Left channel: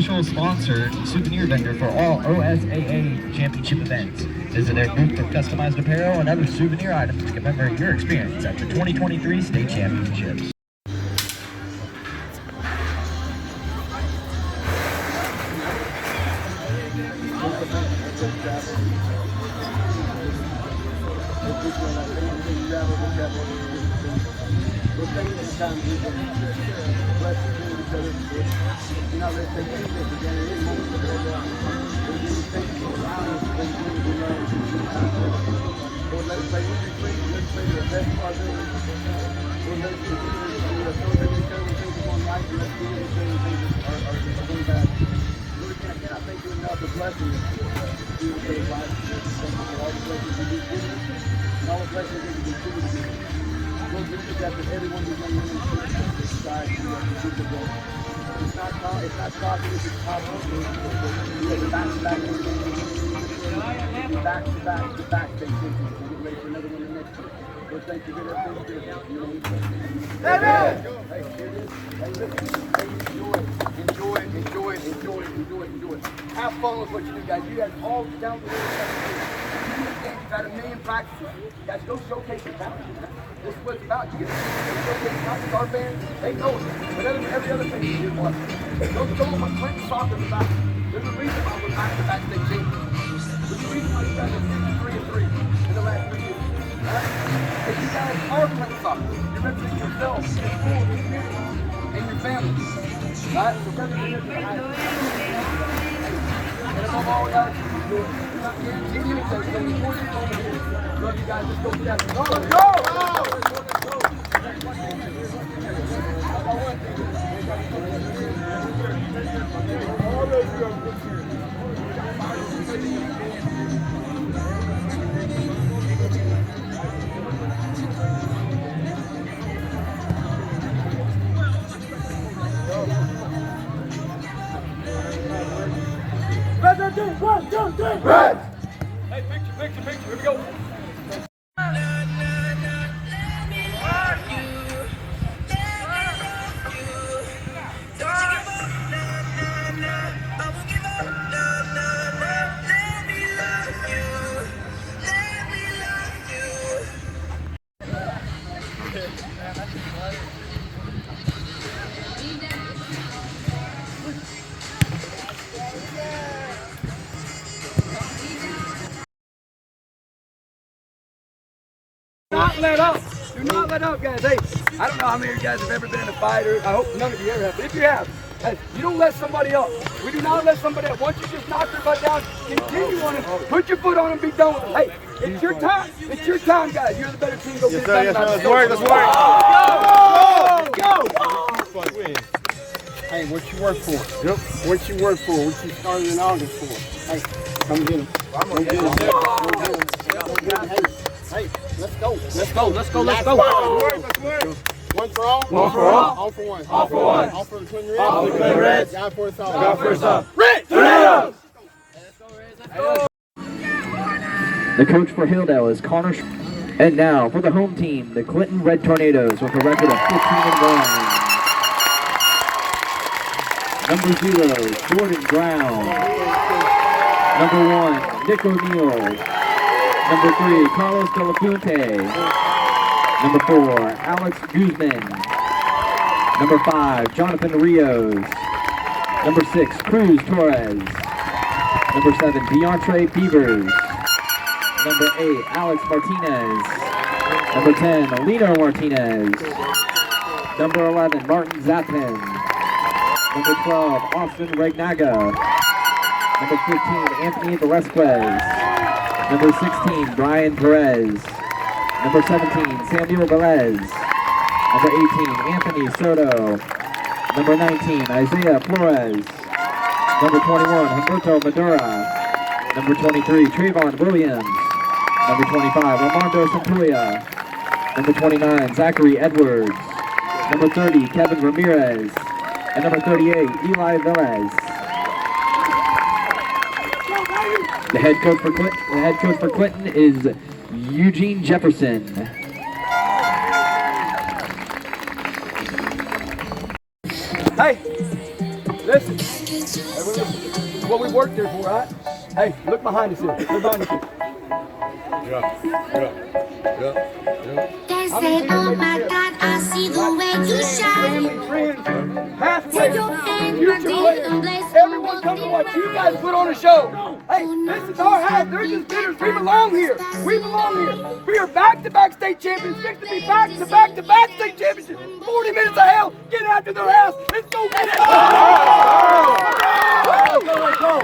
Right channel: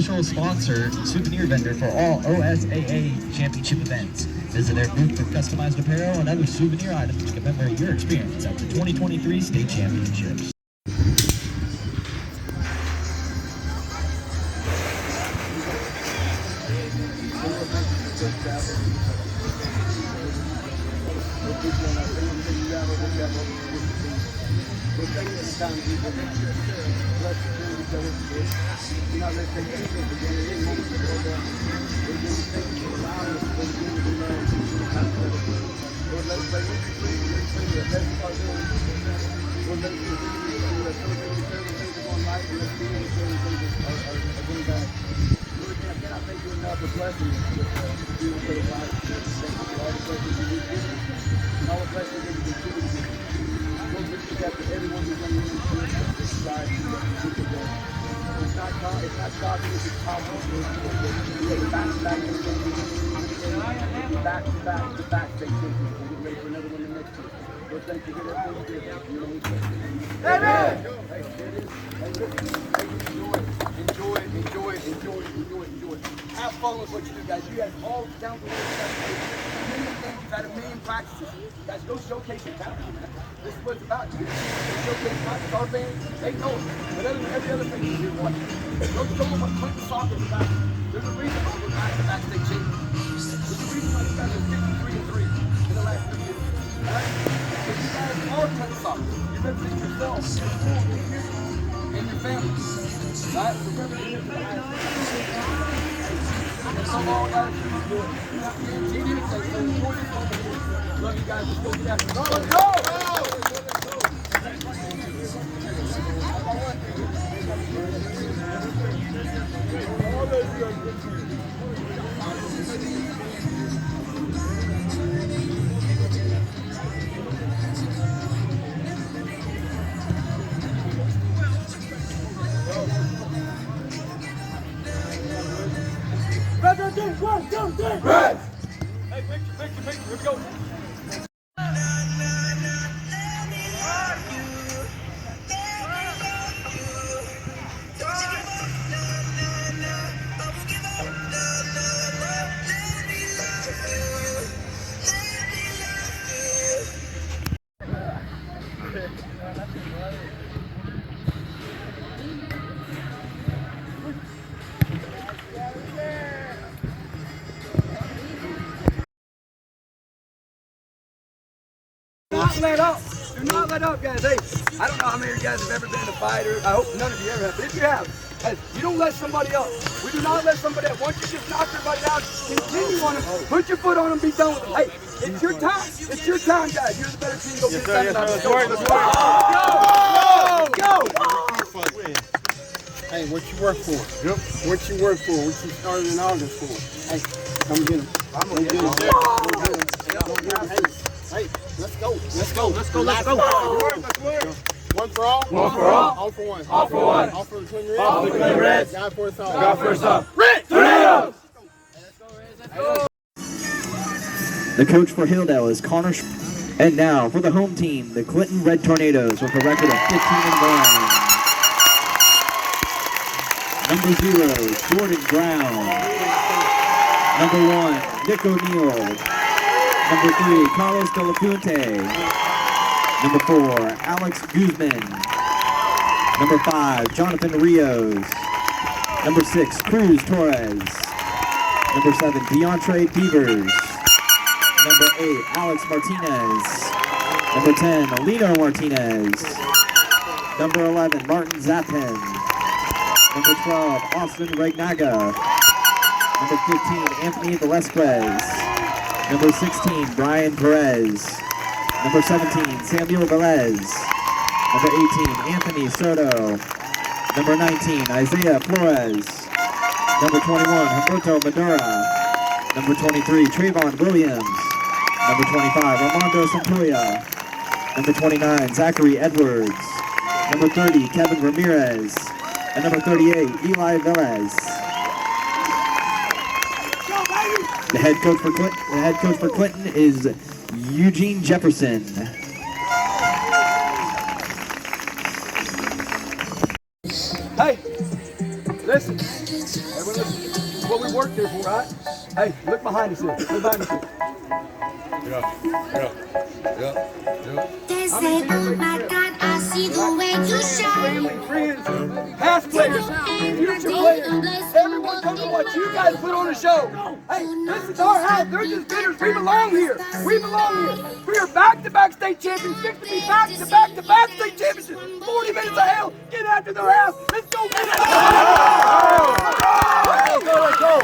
official sponsor and souvenir vendor for all OSAA championship events. Visit their booth with customized apparel and other souvenir items to commemorate your experience at the 2023 State Championships. We're taking the time to bless each other. You're not going to take anything for granted any moment of the day. We're going to thank you for allowing us to play the game that we love and spend time together. Lord, let us play injury free. Let us play to the best of our ability. Lord, let us continue to celebrate each other when things are going right, and let's do each other when things are going bad. Lord, I cannot thank you enough for blessing us with doing each other's lives. Thank you for all the blessings you've given us and all the blessings that you continue to give us. Lord, we look after everyone who's young women in this society who are good to them. It's not shocking if it's possible. We have the back-to-back back-to-back state champions. We'll get ready for another one the next year. Lord, thank you for everything you do. Amen! Hey, here it is. Hey, listen. Hey, enjoy. Have fun with what you do, guys. You guys all down the road. You've had a million practices. Guys, go showcase your talent. This is what it's about. You get to showcase not just our fans, they know it, but every other fan you watch. Go show them what Clinton soccer is about. There's a reason why we're back-to-back state champions. There's a reason why you guys are 53-3 in the last 3 years. Right? Because you guys are Clinton soccer. You represent yourselves, your school, your community, and your families. Right? So represent it to the highest level. And above all, guys, enjoy it. You're not guaranteed anything, so enjoy this moment here. Love you guys. Let's go get after it. Let's go! All of you are good here. One, two, three, red! Hey, picture, here we go. Not let up. Do not let up, guys. Hey, I don't know how many of you guys have ever been in a fight, or I hope none of you ever have, but if you have, hey, you don't let somebody up. We do not let somebody up. Once you just knock your butt down, continue on them. Put your foot on them, be done with them. Hey, it's your time. It's your time, guys. You're the better team. Go get it done. Let's go. Hey, what you work for? Yep. What you work for? What you started in August for? Hey, come get them. Go get them. Hey, let's go. One for all? One for all? All for one. All for one. All for the Twin Reds? All for the Twin Reds. God for us all. God for us all. Red Tornadoes! The coach for Hilldale is Connor. And now for the home team, the Clinton Red Tornadoes with a record of 15-1. Number 0, Jordan Brown. Number 1, Nick O'Neill. Number 3, Carlos De La Fuente. Number 4, Alex Guzman. Number 5, Jonathan Rios. Number 6, Cruz Torres. Number 7, DeAndre Beavers. Number 8, Alex Martinez. Number 10, Lino Martinez. Number 11, Martin Zappin. Number 12, Austin Regnaga. Number 15, Anthony Velasquez. Number 16, Brian Perez. Number 17, Samuel Velez. Number 18, Anthony Soto. Number 19, Isaiah Flores. Number 21, Humberto Madura. Number 23, Trayvon Williams. Number 25, Armando Santoya. Number 29, Zachary Edwards. Number 30, Kevin Ramirez. And number 38, Eli Velez. The head coach for Clinton is Eugene Jefferson. Hey, Listen. Everyone listen. This is what we worked here for, right? Hey, look behind us here. Look behind us here. They say, oh my God, I see the way you shine. Family, friends, past players, future players. Everyone come to watch you guys put on a show. Hey, this is our house. They're just dinners. We belong here. We belong here. We are back-to-back state champions. Fix to be back-to-back state champions. 40 minutes of hell. Get after their house. Let's go. Let's go. Let's go.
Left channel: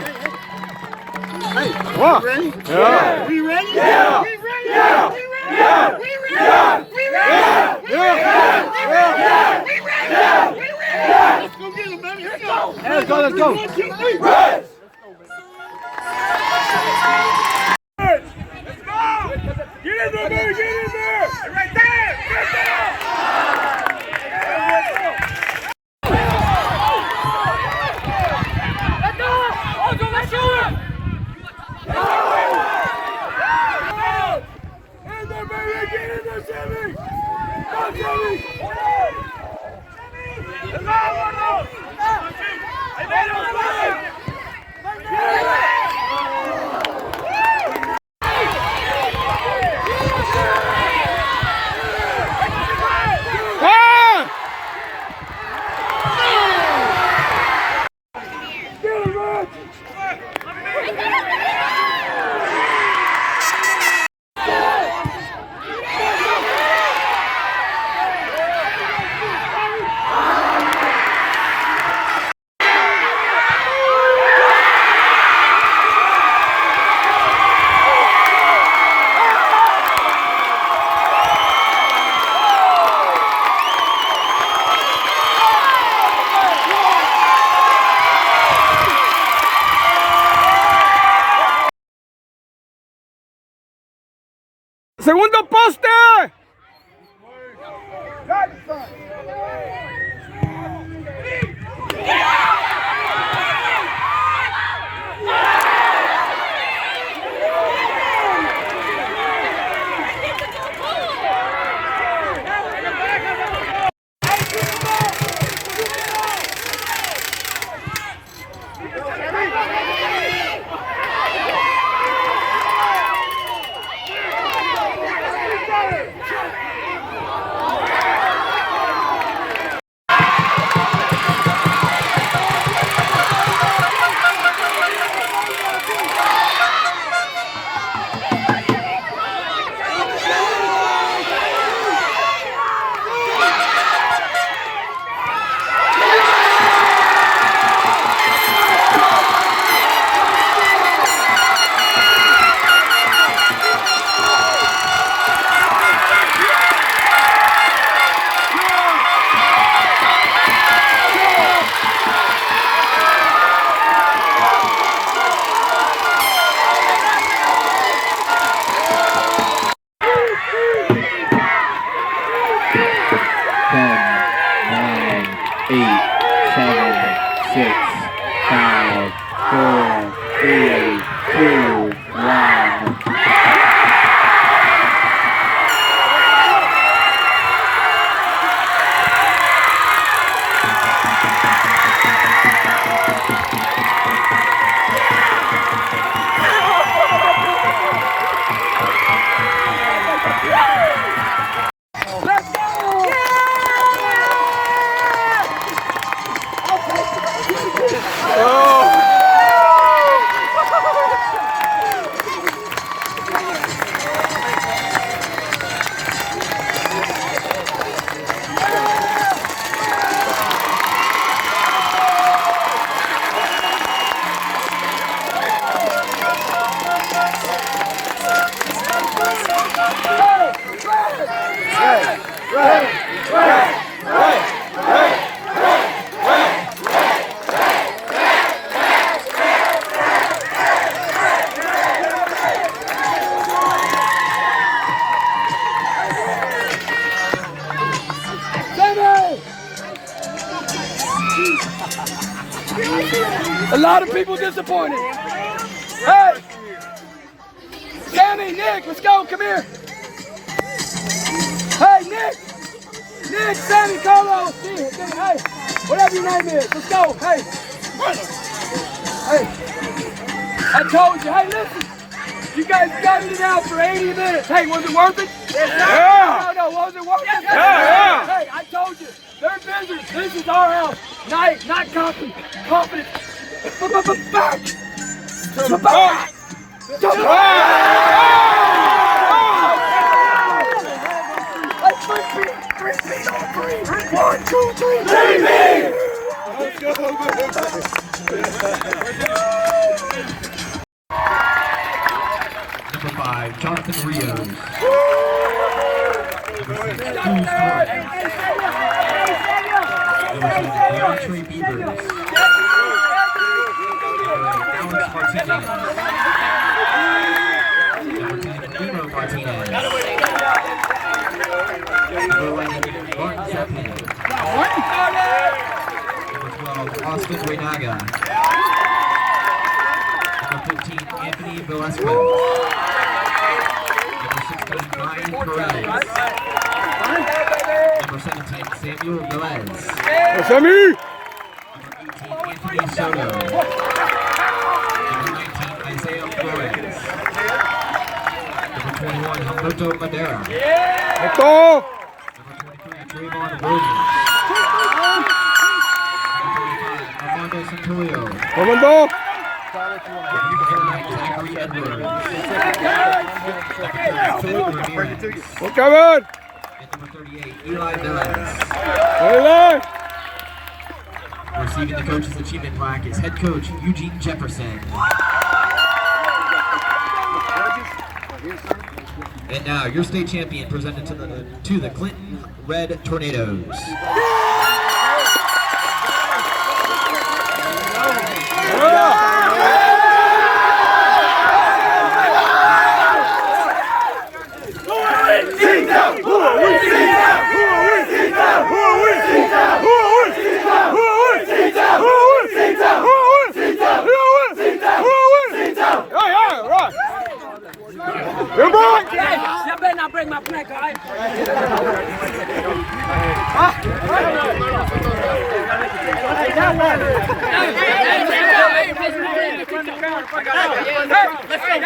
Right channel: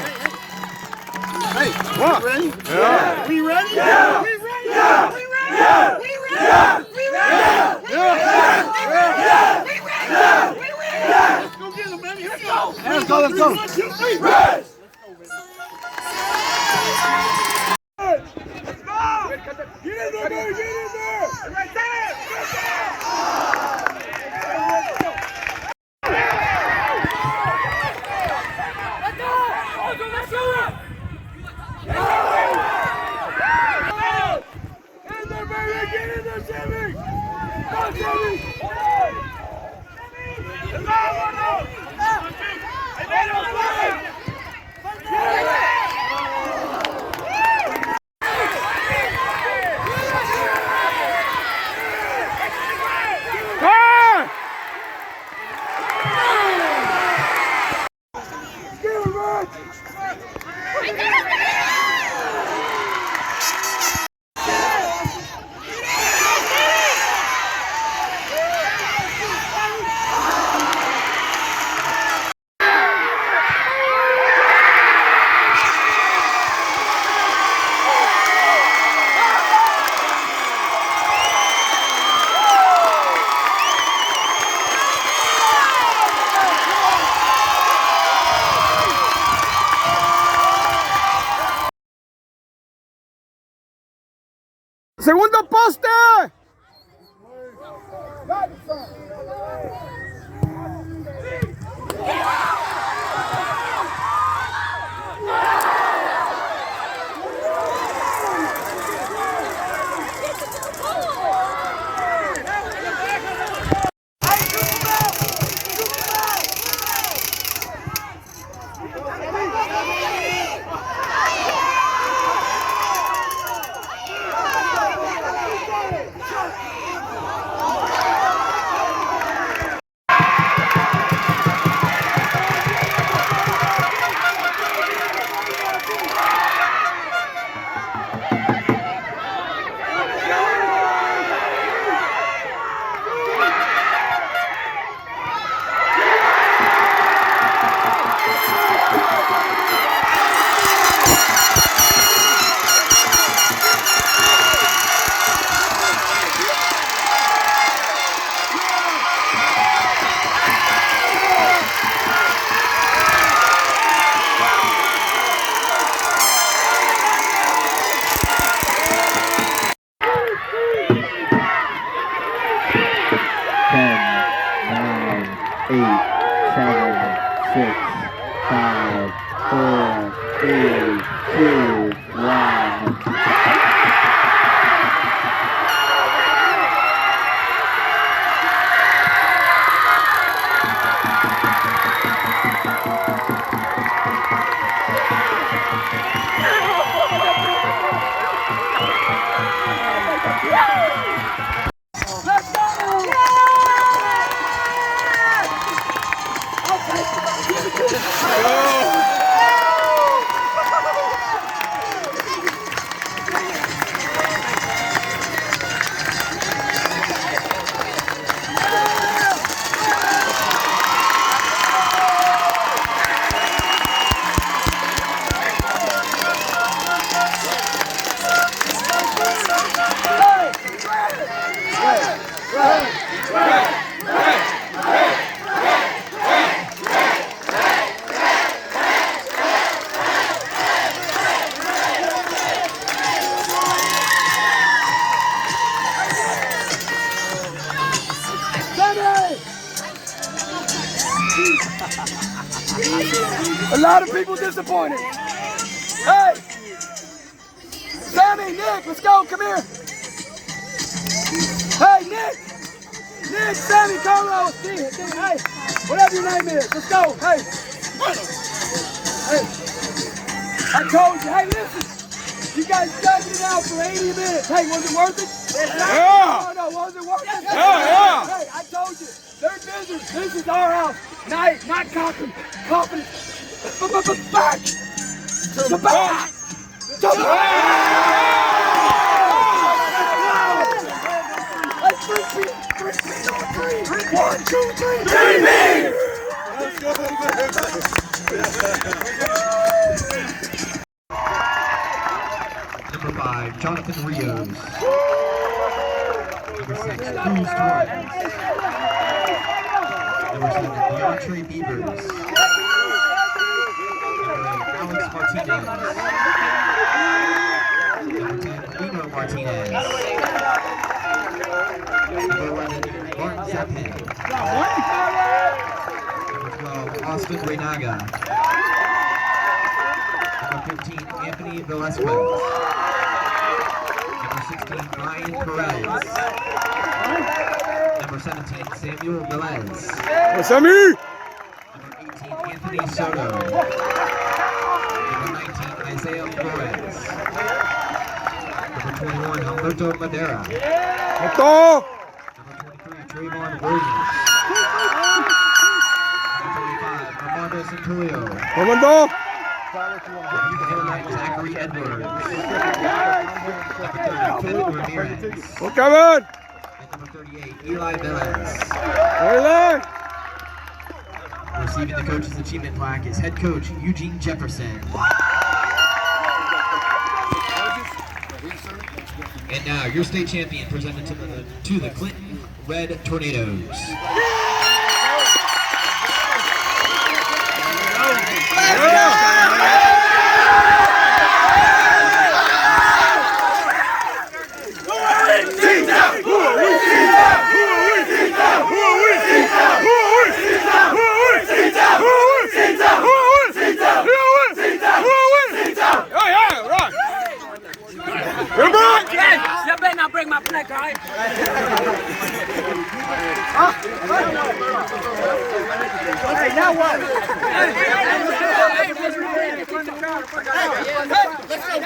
Hey, what? We ready? Yeah. We ready? Yeah. We ready? Yeah. We ready? Yeah. We ready? Yeah. We ready? Yeah. We ready? Yeah. We ready? Yeah. We ready? Yeah. Let's go get them, baby. Let's go. Let's go. Let's go. 1, 2, 3. Press. Let's go. Get in there, baby. Get in there. Right there. Right there. Let's go. Let's go. Let's go. Segundo poste. A lot of people disappointed. Hey! Sammy, Nick, let's go, come here. Hey, Nick! Nick, Sammy, Carlo, Steve, hey, whatever your name is, let's go, hey. Hey, I told you. Hey, listen. You guys gutted it out for 80 minutes. Hey, was it worth it? Yeah. No, was it worth it? Yeah. Hey, I told you. They're visitors. This is our house. Not confidence. Back. To back. To back. Let's three-peat on three. 1, 2, 3. Three-peat. Let's go, Number 5, Jonathan Rios. Number 6, Three-Peat. Alex Martinez. Number 10, Nino Martinez. Number 11, Martin Zeppelin. Number 12, Austin Renaga. Number 15, Anthony Velasquez. Number 16, Ryan Perez. Number 17, Samuel Velez. Sammy! Number 18, Anthony Soto. Number 19, Isaiah Flores. Number 21, Humberto Madera. Esto! Number 23, Trayvon Williams. Number 35, Armando Centurio. Comando! Number 29, Zachary Edwards. Number 30, Philip Ramirez. Go, Kevin! And number 38, Eli Velez. Dale! Receiving the Coach's Achievement Plaque is head coach Eugene Jefferson. And now, your state champion presented to the Clinton Red Tornadoes. You're back! Hey, you better not break my plaque, all right? Hey, now what? Hey,